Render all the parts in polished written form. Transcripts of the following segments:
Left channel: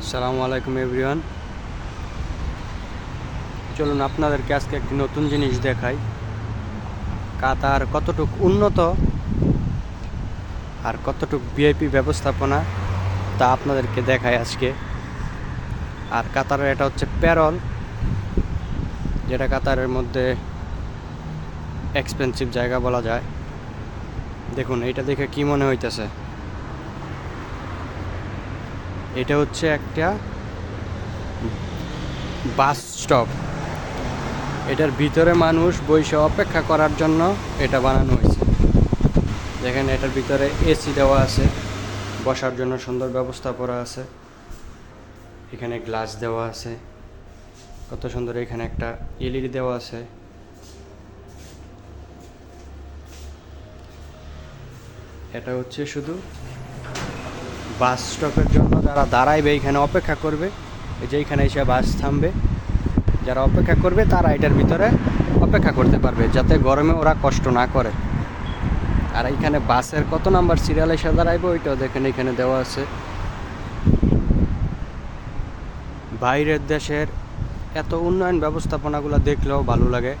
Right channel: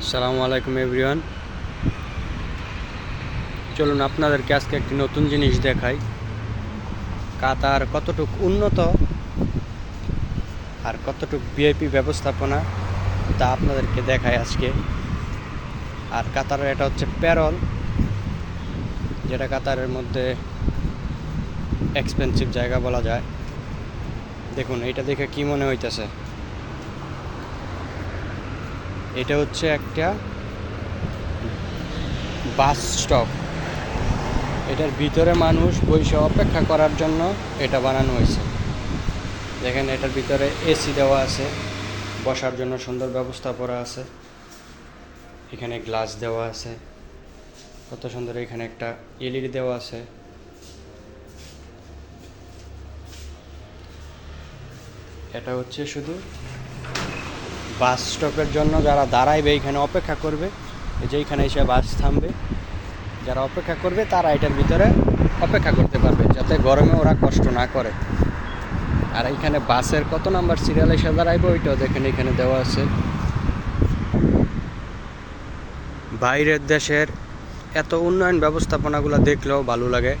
আসসালামু আলাইকুম এভরিওয়ান। চলুন আপনাদেরকে আজকে একটি নতুন জিনিস দেখাই। কাতার কতটুকু উন্নত আর কতটুকু ভিআইপি ব্যবস্থাপনা তা আপনাদেরকে দেখাই আজকে। আর কাতারের এটা হচ্ছে প্যারল, যেটা কাতারের মধ্যে এক্সপেন্সিভ জায়গা বলা যায়। দেখুন এইটা দেখে কি মনে হইতেছে, এটা হচ্ছে একটা বাস স্টপ। এটার ভিতরে মানুষ বসে অপেক্ষা করার জন্য এটা বানানো হয়েছে। দেখেন এটার ভিতরে এসি দেওয়া আছে, বসার জন্য সুন্দর ব্যবস্থা করা আছে। এখানে গ্লাস দেওয়া আছে, কত সুন্দর। এখানে একটা এলইডি দেওয়া আছে। এটা হচ্ছে শুধু বাস স্টপের জন্য, যারা দাঁড়াইবে এখানে অপেক্ষা করবে, এই যে এখানে এসে বাস থামবে, যারা অপেক্ষা করবে তারা এটার ভিতরে অপেক্ষা করতে পারবে, যাতে গরমে ওরা কষ্ট না করে। আর এইখানে বাসের কত নাম্বার সিরিয়াল এসে দাঁড়াইবে ওইটাও দেখেন এখানে দেওয়া আছে। বাইরের দেশের এত উন্নয়ন ব্যবস্থাপনাগুলো দেখলেও ভালো লাগে।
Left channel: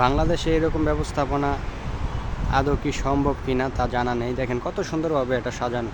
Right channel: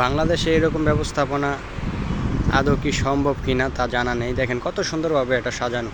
বাংলাদেশে এরকম ব্যবস্থাপনা আদৌ কি সম্ভব কিনা তা জানা নেই। দেখেন কত সুন্দরভাবে এটা সাজানো।